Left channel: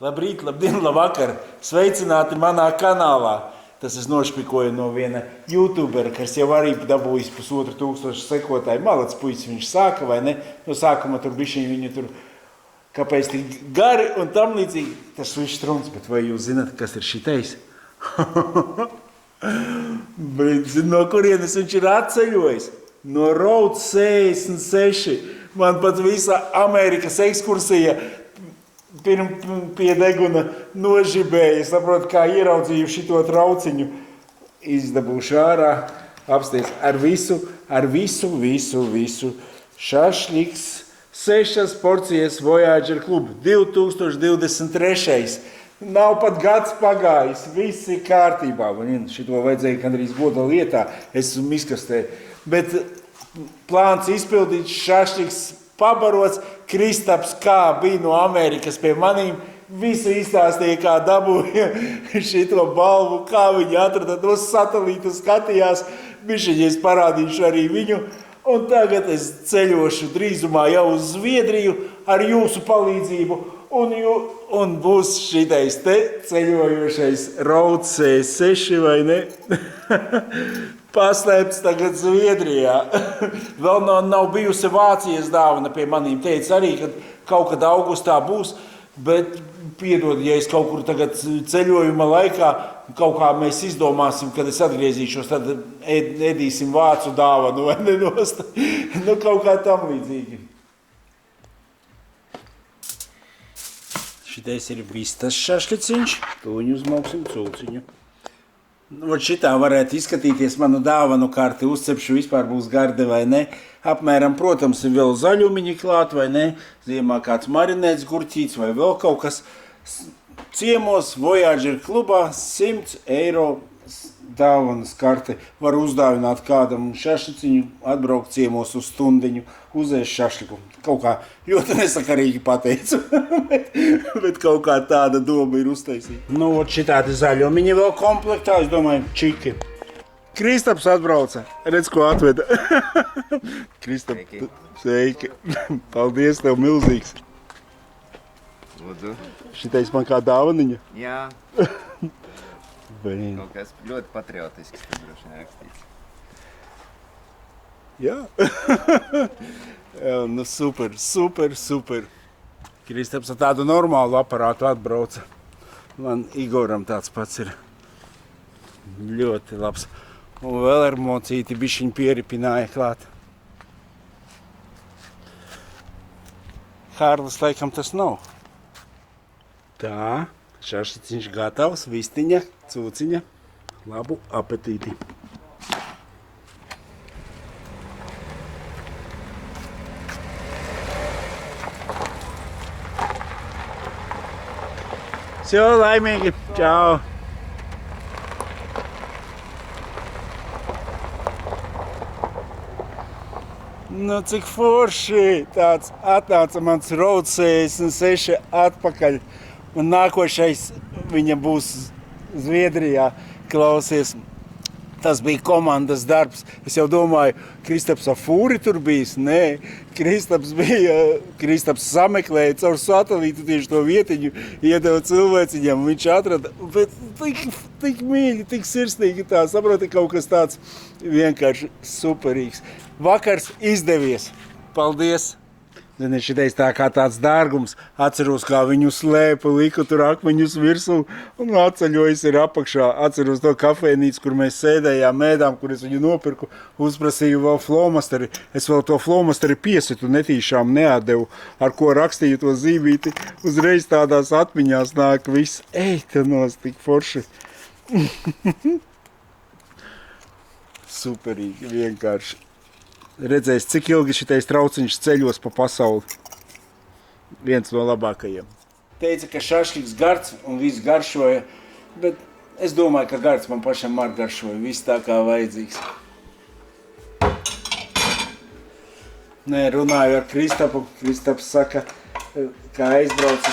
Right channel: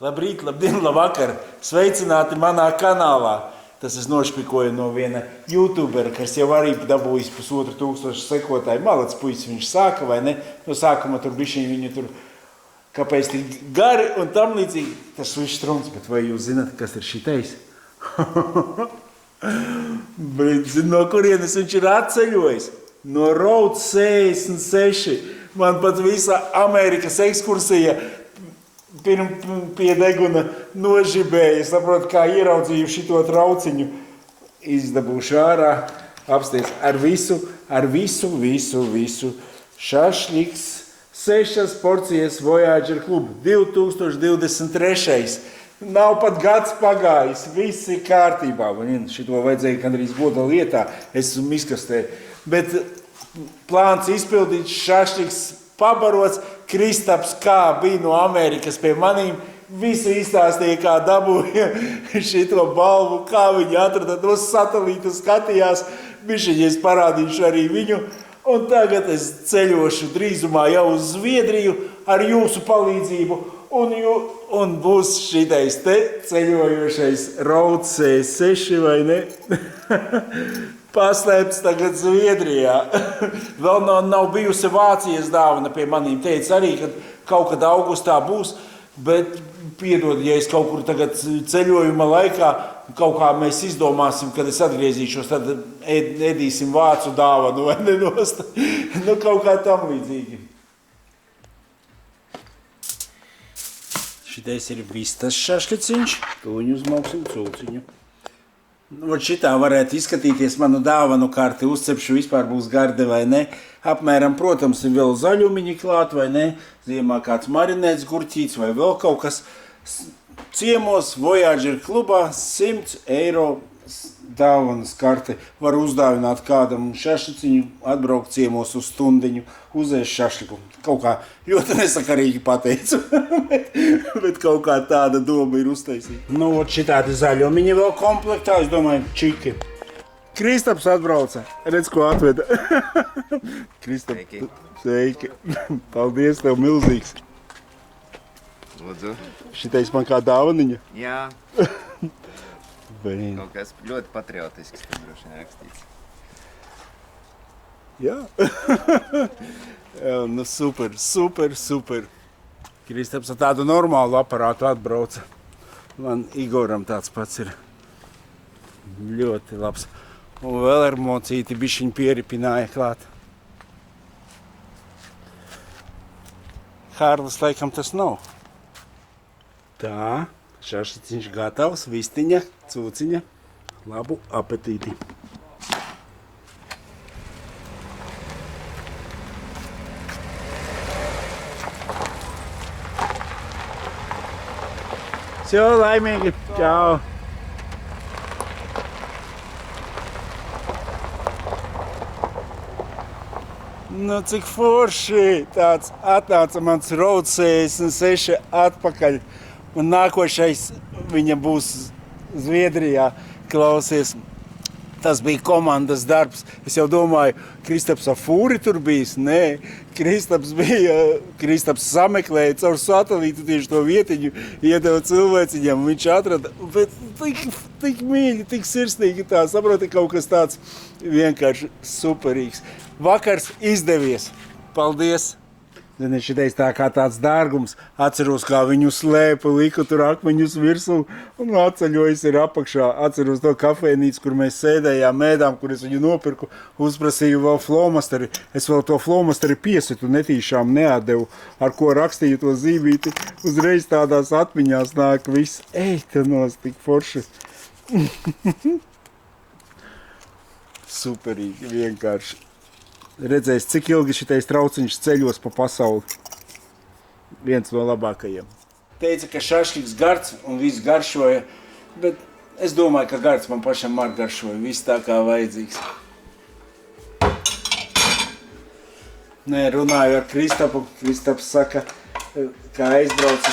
Labrīt, labdien, labvakar! Sveicināti manā kanālā! Tas es nošpikoju no viena youtubera, kas jau arī dabūjis 1500 sekotāju. Malacis puisis viņš sāka, vai ne? No sākuma tur bišķiņ viņu tur, kāpēc tik gari un tam līdzīgi. Tas viss truns, bet vai jūs zināt, kas ir šitais? No kurienes viņš ir atceļojis? No Route 66. Man pat visa Amerikas ekskursija pie deguna nožibēja. Saprotu, kā ieraudzīju šito trauciņu. Izdabūšu ārā, apsties ar visu. Šašļiks, 6 porcijas Voyager klubu, 2023. Nav pat gads pagājis, viss ir kārtībā. Šito vajadzēja gandrīz goda lietā, es esmu izkastē. Bet plāns izpildīts, šašļiks pabarots, Kristaps kā bija no Amerikas pie manīm, visu izstāstīja, kā dabūja šito balvu, kā viņi atrada no satelīta, skatījās, bišķiņies parādīšu arī viņu, un tagad es ceļošu drīzumā jau uz Zviedriju ar jūsu palīdzību, un būs šitais te ceļojošais Route 66, vai ne? Paslēpts tagad Zviedrijā. Vēl nav bijusi Vācijas dāvana pie manīm. Teica arī, ka kaut kad augustā būs, bet piedod, ja es kaut kur tagad ceļojuma laikā, kaut kā mēs izdomāsim, kad es atgriezīšos, tad ēdīsim vācu dāvanu vai nenost. Kaut kā tam līdzīgi. Šitais ir vistas šašļiciņš, tuņu uzmauksim culciņu. Šitā varētu izskatīties manu dāvanu karti, uzcepšu vispār būs garde vai ne. Apmēram, protams, ir vēl zaļumiņi klāt vai ne. Ziemā kāds marinēts gurķīts vai vēl kaut kas. Ciemos Voyager klubā 100 eiro dāvanas karte. Var uzdāvināt kādam šašliciņu, atbraukt ciemos uz stundiņu, uzēst šašliku. Kaut kā ļoti nesakarīgi pateicu, bet kaut kā tāda doma ir uztaisīta. Šitādi zaļumiņi vēl komplektā, es domāju, čiki. Kristaps atbrauca, redz, ko atveda. Kristap, sveiki. Paldies tev milzīgs. Lūdzu. Šitais man kā dāvaniņa? Jā. Kaut kas ļoti patriotisks, tad droši vien rakstīts. Jā. Jā, super. Kristaps ar tādu normālu aparātu atbrauca. Man Igoram tāds pats ir ļoti labs. Un vēl ar mocīti bišķiņ pieripināja klāt. Hārlis laikam tas nav. Tā, šašliciņš gatavs, vistiņa, cūciņa. Labu apetīti! Все, laimīgi! Čau! Cik forši! Tāds atnāca mans Route 66 atpakaļ. Un nākošais viņa būs Zviedrijā. Klausies, tas bija komandas darbs. Es jau domāju, Kristaps ar fūri tur bijis. Nē, Kristaps sameklēja caur satelītu tieši to vietiņu, iedeva cilvēciņam, viņš atrada. Bet tik mīļi, tik sirsnīgi tā, saproti, kaut kas tāds vienkārši superīgs. Vakars izdevies. Paldies! Zini, šitais tā kā tāds dārgums. Atceros, kā viņu slēpa, liku tur akmeņus virsū un atceļojis ir apakšā. Atceros to kafejnīcu, kur mēs sēdējām, ēdām, kur es viņu nopirku. Uzprasīju vēl flomasteri. Es vēl to flomasteri piesitu, netīšām neatdevu, ar ko rakstīju to zīmīti. Uzreiz tādās atmiņās nāk viss. Ej, te nos, tik forši. Superīgi, vienkārši. Redzēs, cik ilgi šitais trauciņš ceļos pa pasauli. Viens no labākajiem. Teica, ka šašļiks gards un viss garšoja, bet es domāju, ka gards man pašam arī garšoja. Viss tā kā vajadzīgs. Nē, runāju ar Kristapu. Kristaps saka, kā aizbraucu.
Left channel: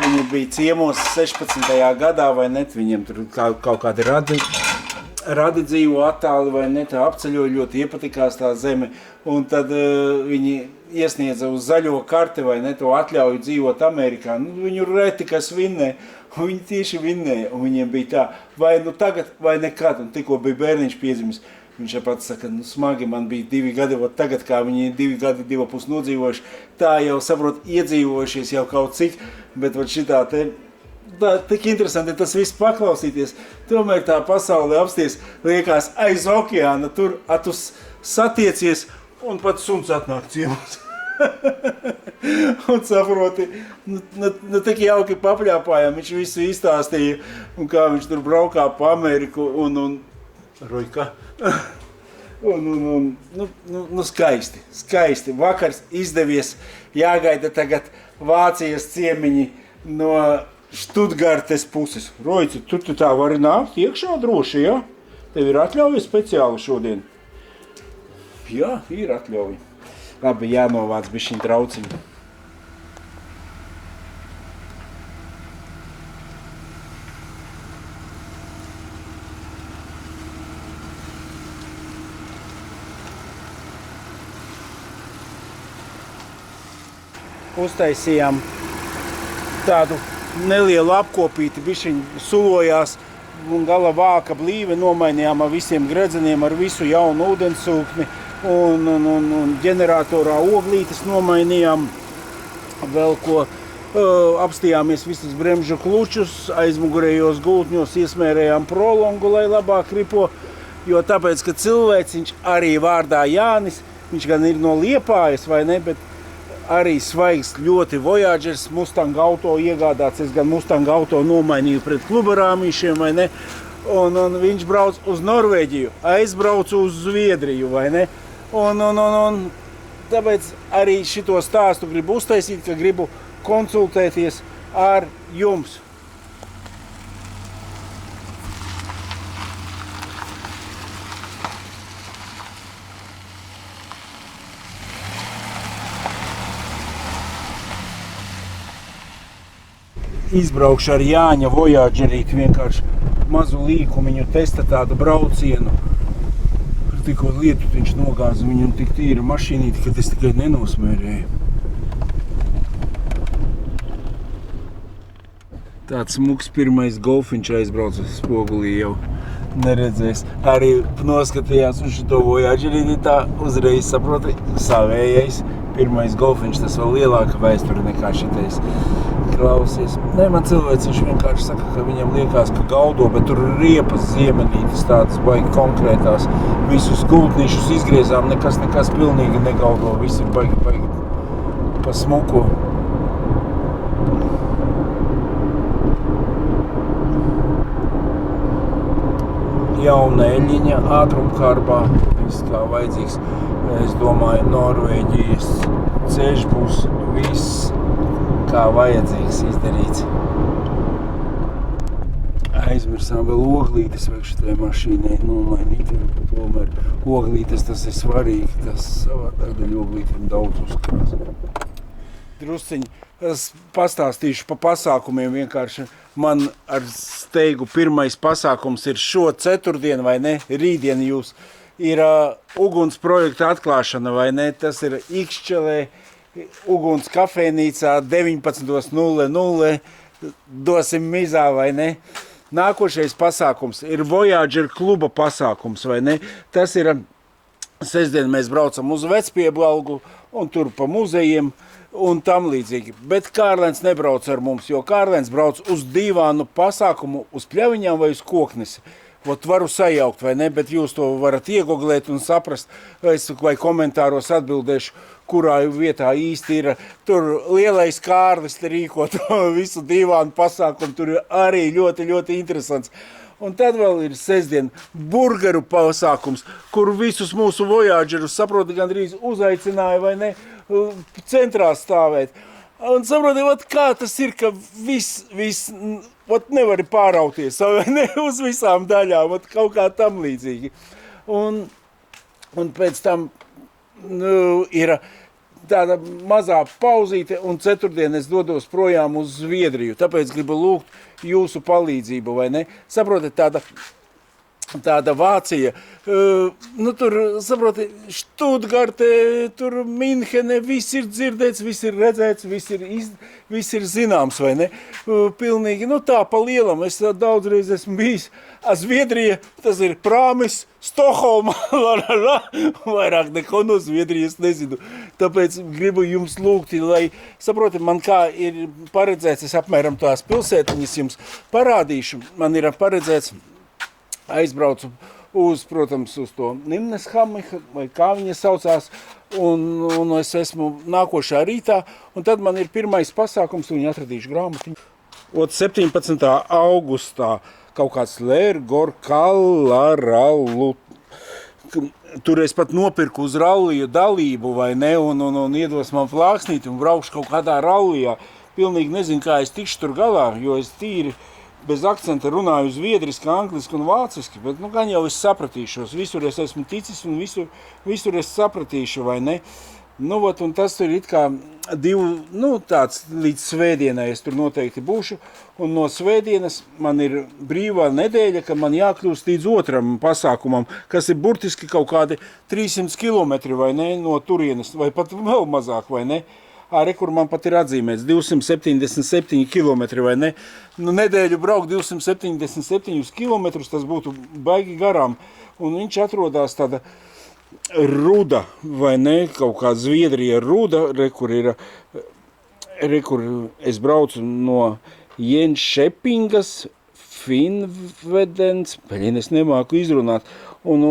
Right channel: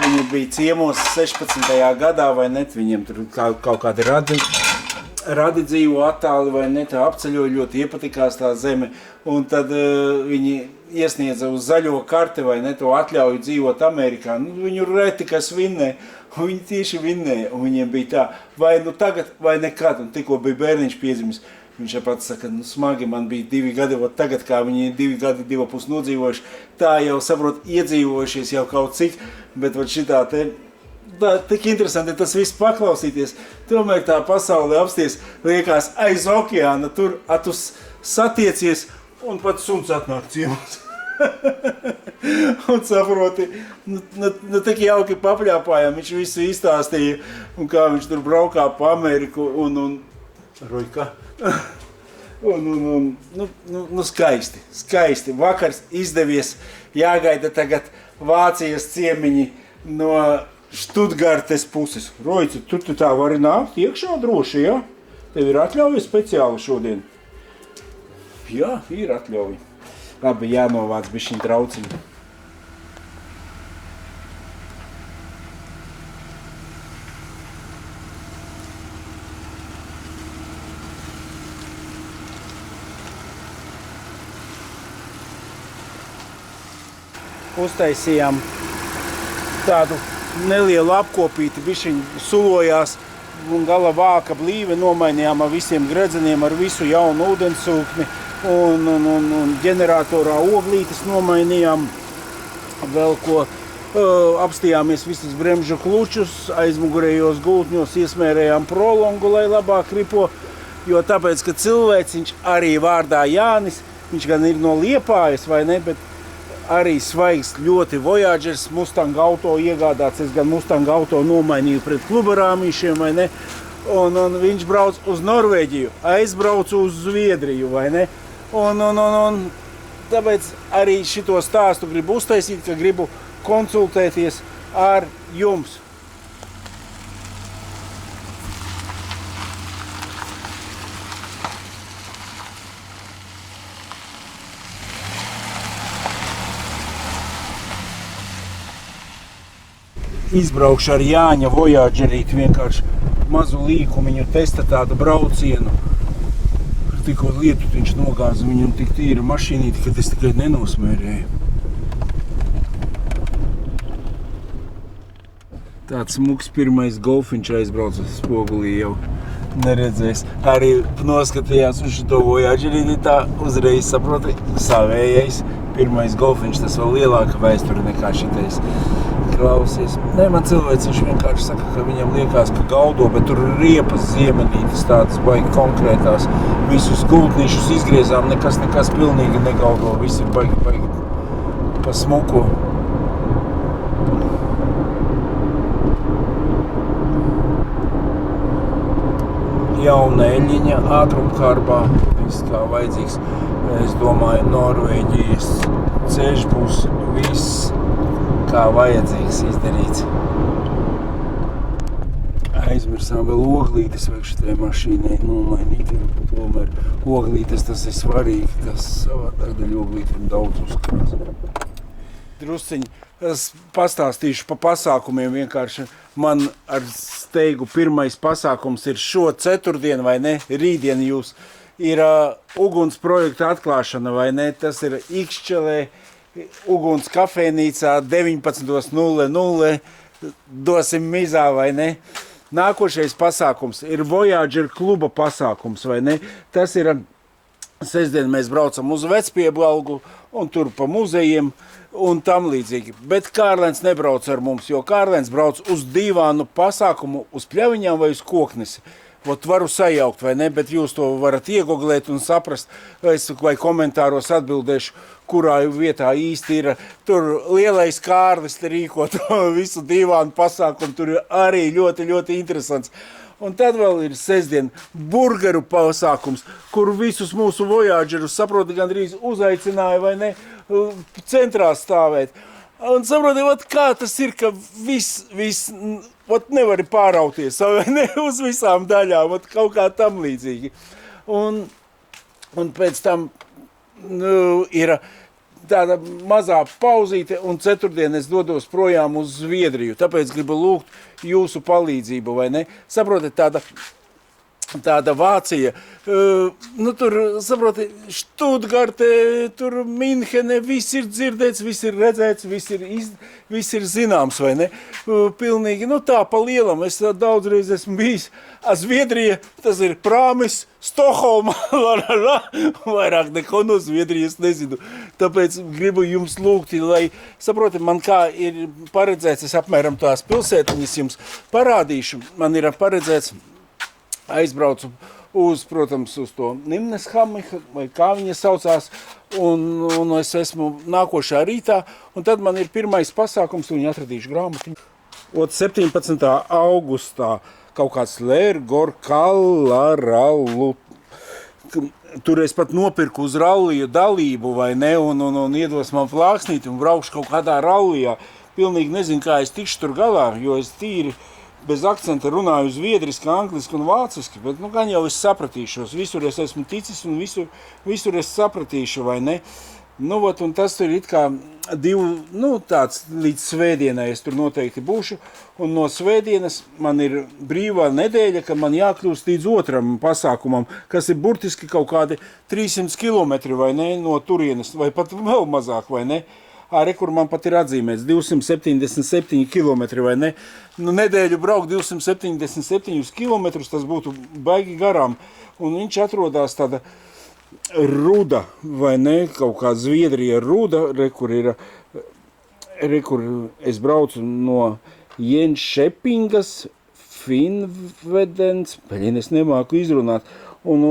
Viņi bija ciemos 16. gadā vai ne? Viņiem tur kaut kādi radi Radi dzīvo attāli vai ne, tā apceļoja, ļoti iepatikās tā zeme, un tad viņi iesniedza uz zaļo karti vai ne, to atļauju dzīvot Amerikā. Nu, viņu reti kas vinnē, un viņi tieši vinnēja, un viņiem bija tā, vai nu tagad, vai nekad, un tikko bija bērniņš piedzimis. Viņš pats saka, nu smagi, man bija 2 gadi, ot tagad, kā viņi 2 gadi, 2,5 nodzīvojuši, tā jau saprot, iedzīvojušies jau kaut cik, bet ot šitā te, tā, tik interesanti tas viss paklausīties. Tomēr tā pasaule apsties, liekas, aiz okeāna, tur atus satiecies, un pat suns atnāk ciemos. Un saproti, nu tik jauki papļāpājām, viņš visu izstāstīja, un kā viņš tur braukā pa Ameriku, un Rojka. Skaisti. Vakars izdevies, jāgaida tagad Vācijas ciemiņi no Štutgartes puses. Rojci, tu tā vari nākt iekšā droši, ja? Tev ir atļauja speciāli šodien? Jā, ir atļauja. Labi, jānovāc bišķiņ trauciņu. Uztaisījām tādu nelielu apkopīti, bišķiņ sulojās un gala vāka blīve, nomainījām ar visiem gredzeniem, ar visu jaunu ūdensūkni un ģeneratorā oglītes nomainījām, vēl ko apstījāmies visus bremžu klučus, aizmugurējos gultņos iesmērējām prolongu, lai labāk ripo, jo tāpēc, ka cilvēciņš arī vārdā Jānis, viņš gan ir no Liepājas, vai ne, bet arī svaigs ļoti Voyagers Mustang auto iegādāts. Es gan Mustang auto nomainīju pret klubarāmīšiem, vai ne? Un viņš brauc uz Norvēģiju, aizbraucu uz Zviedriju, vai ne? Un tāpēc arī šito stāstu gribu uztaisīt, ka gribu konsultēties ar jums. Izbraukšu ar Jāņa Voyagerīti, vienkārši mazu līkumiņu testa tādu braucienu. Ar tikko lietutiņš nogāza viņu tik tīra mašīnīti, kad es tikai nenosmērēju. Tāds smuks pirmais golfiņš aizbrauca spogulī jau neredzējis. Arī noskatījās uz šito Voyagerīti, tā uzreiz saproti savējais. Pirmais golfiņš, tas vēl lielāka vēsture nekā šitais. Klausies. Nē, man cilvēks viņš vienkārši saka, ka viņam liekas, ka gaudo, bet tur ir riepas ziemenītes tādas baigi konkrētās. Visus gultnīšus izgriezām, nekas pilnīgi negaudo, viss ir baigi pa smuku. Jauna eļiņa, ātrumkārbā, viss kā vajadzīgs. Es domāju, Norvēģijas ceļš būs viss kā vajadzīgs izdarīts. Aizmirsām vēl oglītes vajag šitai mašīnai nomainīt. Tomēr oglītes tas ir svarīgi, tas savādāk daļ oglītiem daudz uzkrās. Drusciņi, es pastāstīšu pa pasākumiem vienkārši. Man ar steigu pirmais pasākums ir šo ceturtdienu, vai ne? Rītdien jūs ir uguns projekta atklāšana, vai ne? Tas ir Ikšķelē, uguns kafejnīcā 19:00 dosim mizā, vai ne? Nākošais pasākums ir Voyager kluba pasākums, vai ne? Tas ir sestdien mēs braucam uz Vecpiebalgu un tur pa muzejiem un tam līdzīgi. Bet Kārlens nebrauc ar mums, jo Kārlens brauc uz dīvānu pasākumu uz Pļaviņām vai uz Koknesi. Vot varu sajaukt, vai ne, bet jūs to varat iegoglēt un saprast, vai komentāros atbildēšu, kurā vietā īsti ir. Tur lielais Kārlis te rīko to visu dīvānu pasākumu, tur ir arī ļoti interesants. Un tad vēl ir sestdien burgeru pasākums, kur visus mūsu Voyagerus, saproti, gandrīz uzaicināja, vai ne, centrā stāvēt. Un saproti, kā tas ir, ka viss nevari pārauties, vai ne, uz visām daļām, kaut kā tam līdzīgi. Un pēc tam ir tāda mazā pauzīte, un ceturtdien es dodos projām uz Zviedriju. Tāpēc gribu lūgt jūsu palīdzību, vai ne? Saprotat, tāda tāda Vācija, nu tur, saproti, Štutgarte, tur Minhene, viss ir dzirdēts, viss ir redzēts, viss ir zināms, vai ne? Pilnīgi, nu tā pa lielam, es daudzreiz esmu bijis, Zviedrija, tas ir Prāmis, Stokholma, vairāk neko no Zviedrijas nezinu. Tāpēc gribu jums lūgt, lai, saproti, man kā ir paredzēts, es apmēram tās pilsētiņas jums parādīšu, man ir paredzēts, aizbraucu protams, uz to Nimneshammiha, vai kā viņa saucās, un es esmu nākošā rītā, un tad man ir pirmais pasākums, un viņi atradīšu grāmatiņu. 17. augustā kaut kāds Lērgor Kalaralu, tur es pat nopirku uz ralliju dalību, vai ne, un iedos man flāksnīti, un braukšu kaut kādā rallijā. Pilnīgi nezinu, kā es tikšu tur galā, jo es tīri bez akcenta runāju zviedriski, angliski un vāciski, bet nu gan jau es sapratīšos. Visur es esmu ticis un visur es sapratīšu, vai ne? Nu, ot, un tas tur it kā tāds līdz svētdienai es tur noteikti būšu, un no svētdienas man ir brīvā nedēļa, ka man jākļūst līdz otram pasākumam, kas ir burtiski kaut kādi 300 kilometri, vai ne, no turienes, vai pat vēl mazāk, vai ne? Kur man pat ir atzīmēts 277 kilometri, vai ne? Nu, nedēļu braukt 277 kilometrus, tas būtu baigi garām. Un viņš atrodās tāda Ruda, vai ne? Kaut kā Zviedrija Ruda, kur es braucu no Jenšepingas, Finnvedens, es nemāku izrunāt. Un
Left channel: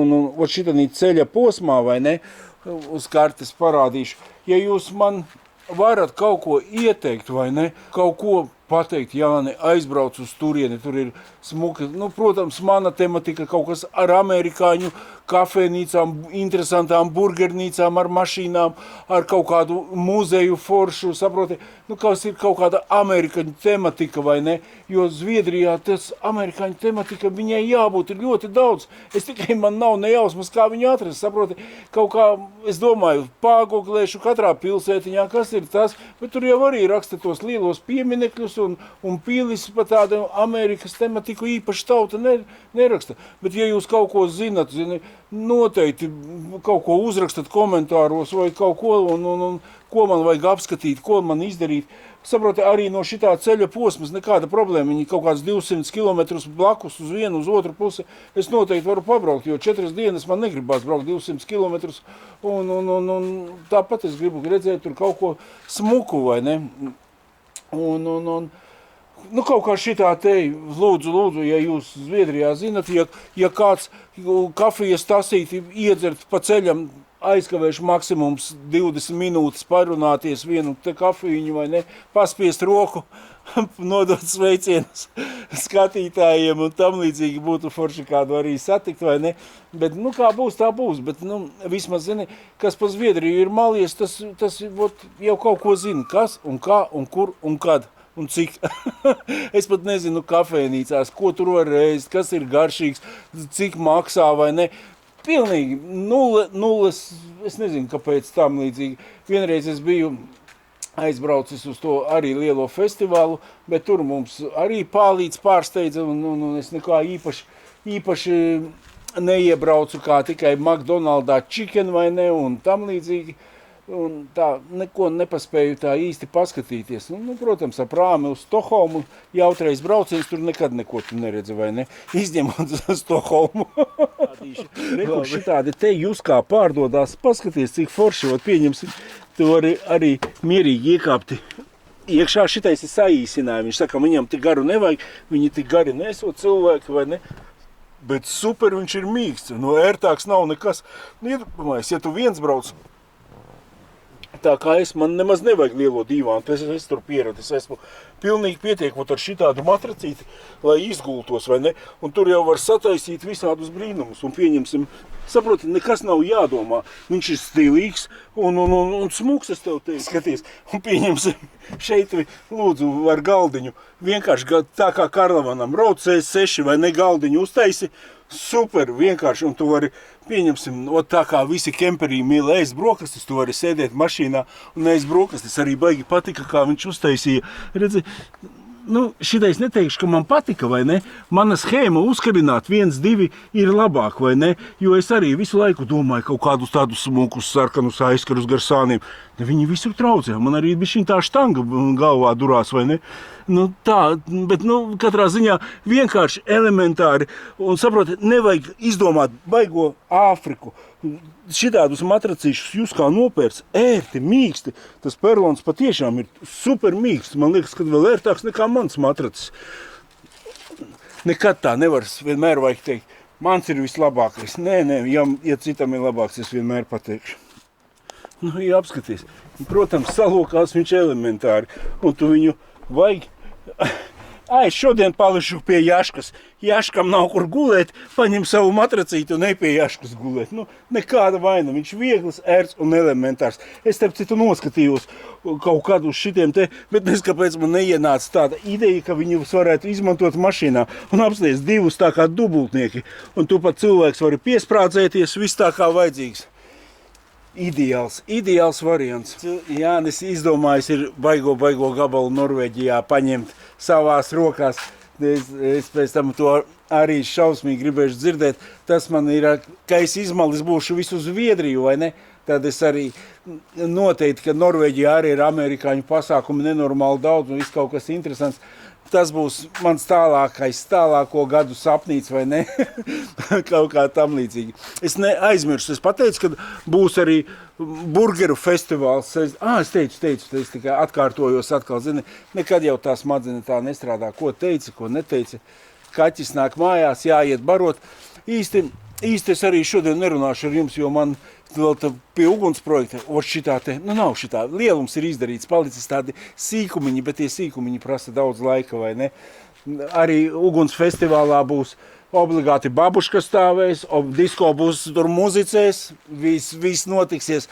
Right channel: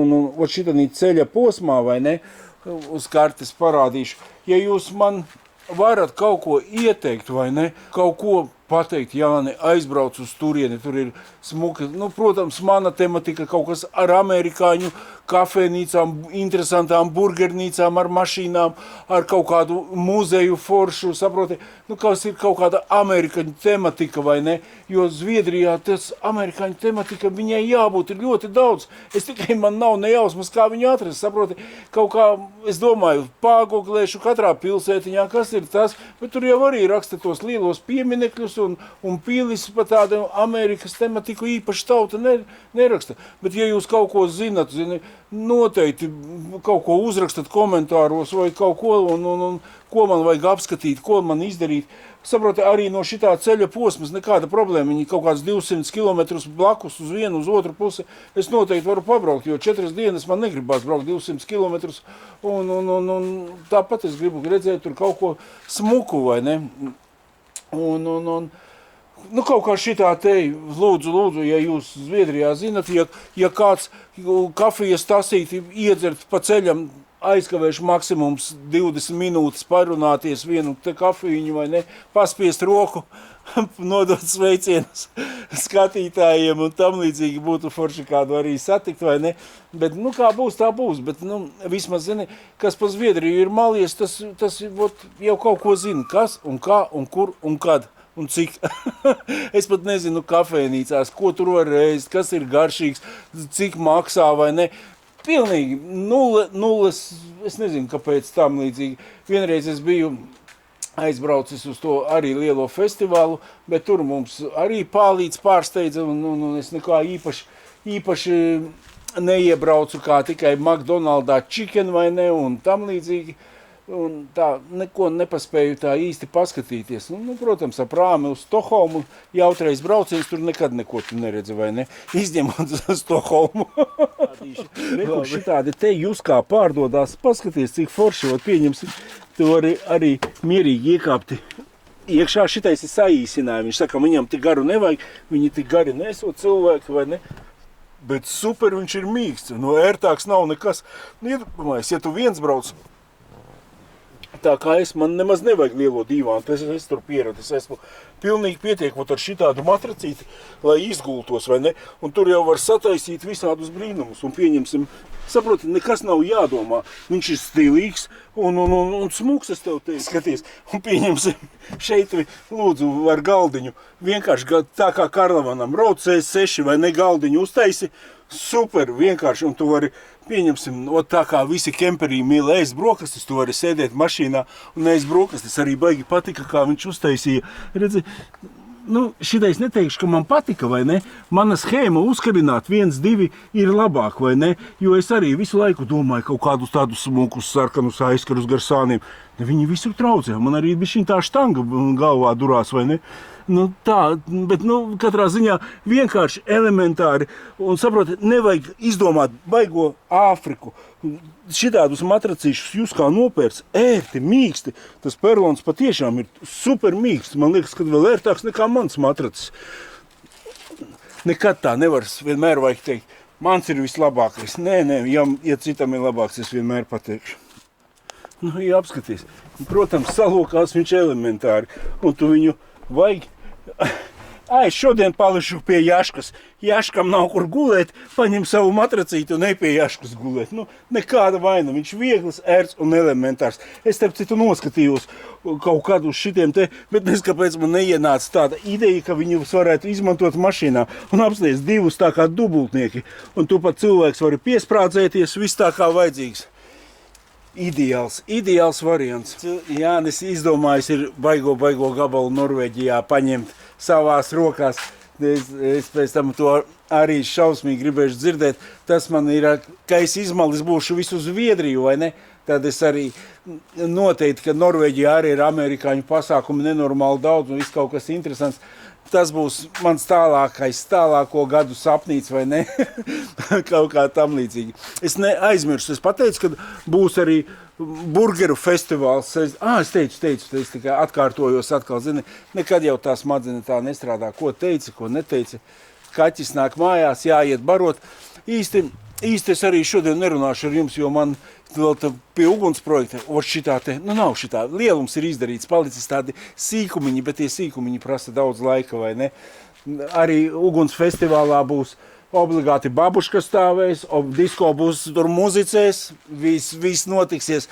šitā ceļa posmā, vai ne? Uz kartes parādīšu. Ja jūs man varat kaut ko ieteikt, vai ne? Kaut ko pateikt, Jāni, aizbrauc uz turieni, tur ir smuki. Nu, protams, mana tematika kaut kas ar amerikāņu kafēnīcām, interesantām burgernīcām, ar mašīnām, ar kaut kādu muzeju foršu, saproti, nu, kas ir kaut kāda amerikāņu tematika, vai ne? Jo Zviedrijā tas amerikāņu tematika, viņai jābūt ir ļoti daudz. Es tikai man nav nejausmas, kā viņu atrast, saproti, kaut kā, es domāju, pāgoglēšu katrā pilsētiņā, kas ir tas, bet tur jau arī raksta tos lielos pieminekļus un pīlis pa tādu Amerikas tematiku īpaši tauta neraksta. Bet ja jūs kaut ko zinat, noteikti kaut ko uzrakstat komentāros vai kaut ko, un ko man vajag apskatīt, ko man izdarīt. Saproti, arī no šitā ceļa posmas nekāda problēma. Viņi kaut kāds 200 kilometrus blakus uz vienu, uz otru pusi. Es noteikti varu pabraukt, jo 4 dienas man negribās braukt 200 kilometrus. Un tāpat es gribu redzēt tur kaut ko smuku, vai ne? Nu, kaut kā šitā te, lūdzu, ja jūs Zviedrijā zinat, ja kāds kafijas tasīti iedzert pa ceļam, aizkavēšu maksimums 20 minūtes parunāties vienu te kafīņu, vai ne, paspiest roku, nodot sveicienus skatītājiem un tam līdzīgi būtu forši kādu arī satikt, vai ne, bet, nu, kā būs, tā būs, bet, nu, vismaz, zini, kas pa Zviedriju ir malies, tas jau kaut ko zina, kas un kā un kur un kad. Un cik. Es pat nezinu kafēnīcās, ko tur var ēst, kas ir garšīgs, cik maksā vai ne. Pilnīgi nulles, es nezinu, kāpēc tam līdzīgi. Vienreiz es biju aizbraucis uz to arī lielo festivālu, bet tur mums arī pālīts pārsteidza un es nekā īpaši neiebraucu kā tikai McDonaldā chicken vai ne un tam līdzīgi. Un tā, neko nepaspēju tā īsti paskatīties. Nu, protams, ar prāmi uz Stokholmu jautreiz brauciens, tur nekad neko tu neredzi, vai ne? Izņemot Stokholmu. Rekur šitādi te jūs kā pārdodās, paskaties, cik forši, ot pieņemsim, tu arī mierīgi iekāpti. Iekšā šitais ir saīsinājumi. Viņš saka, viņam tik garu nevajag, viņi tik gari nesot cilvēki, vai ne? Bet super viņš ir mīksts, no ērtāks nav nekas. Nu, iedomājies, ja tu viens brauc, tā kā man nemaz nevajag lielo dīvānu, es tur pieradis, esmu pilnīgi pietiekot ar šitādu matracīti, lai izgultos, vai ne? Un tur jau var sataisīt visādus brīnumus, un pieņemsim, saproti, nekas nav jādomā. Viņš ir stilīgs un smuks, es tev teicu, skaties, un pieņemsim šeit, lūdzu, ar galdiņu, vienkārši tā kā Karlavanam, rauc C6 vai ne galdiņu uztaisi, super, vienkārši, un tu vari, pieņemsim, tā kā visi kemperī mīl ēst brokastis, tu vari sēdēt mašīnā un ēst brokastis. Arī baigi patika, kā viņš uztaisīja. Redzi, šitais neteikšu, ka man patika, vai ne? Mana schēma uzkabināt 1, 2 ir labāk, vai ne? Jo es arī visu laiku domāju kaut kādus tādus smukus, sarkanus aizkarus gar sāniem. Viņi visur traucē. Man arī bišķiņ tā štanga galvā durās, vai ne? Tā, bet, katrā ziņā vienkārši elementāri. Un saprotiet, nevajag izdomāt baigo Āfriku. Šitādus matracīšus jūs kā nopērts, ērti, mīksti. Tas perlons patiešām ir super mīksts. Man liekas, ka vēl ērtāks nekā mans matracis. Nekad tā nevar, vienmēr vajag teikt, mans ir vislabākais. Nē, ja citam ir labāks, es vienmēr pateikšu. Ja apskaties. Protams, salokās viņš elementāri. Un tu viņu vajag... Es šodien pališu pie Jaškas. Jaškam nav kur gulēt, paņem savu matracītu un ej pie Jaškas gulēt. Nekāda vaina. Viņš viegls, ērts un elementārs. Es starp citu noskatījos kaut kādu uz šitiem te, bet neskapēc man neienāca tāda ideja, ka viņus varētu izmantot mašīnā un apsties 2 tā kā dubultnieki. Un tu pat cilvēks vari piesprādzēties, viss tā kā vajadzīgs. Ideāls variants. Jānis izdomājis ir baigo gabalu Norvēģijā paņemt savās rokās. Es pēc tam to arī šausmīgi gribēšu dzirdēt. Tas man ir, ka es izmalis būšu visu Zviedriju, vai ne? Tad es arī noteikti, ka Norvēģijā arī ir amerikāņu pasākumi nenormāli daudz un viss kaut kas interesants. Tas būs mans tālāko gadu sapnīts, vai ne? Kaut kā tam līdzīgi. Es neaizmirstu. Es pateicu, ka būs arī burgeru festivāls. Es teicu, es tikai atkārtojos atkal. Zini, nekad jau tā smadzenes tā nestrādā. Ko teici, ko neteici. Kaķis nāk mājās, jāiet barot. Īsti es arī šodien nerunāšu ar jums, jo man vēl pie uguns projekta, šitā te, nav šitā, lielums ir izdarīts, palicis tādi sīkumiņi, bet tie sīkumiņi prasa daudz laika, vai ne? Arī uguns festivālā būs obligāti babuška stāvēs, disko būs tur muzicēs, viss notiksies.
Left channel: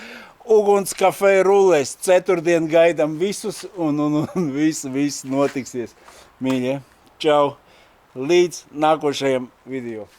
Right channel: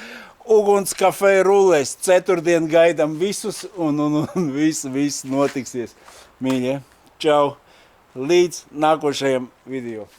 Uguns kafē rulēs, 4. gaidam visus un viss notiksies. Mīļie, čau, līdz nākošajam video.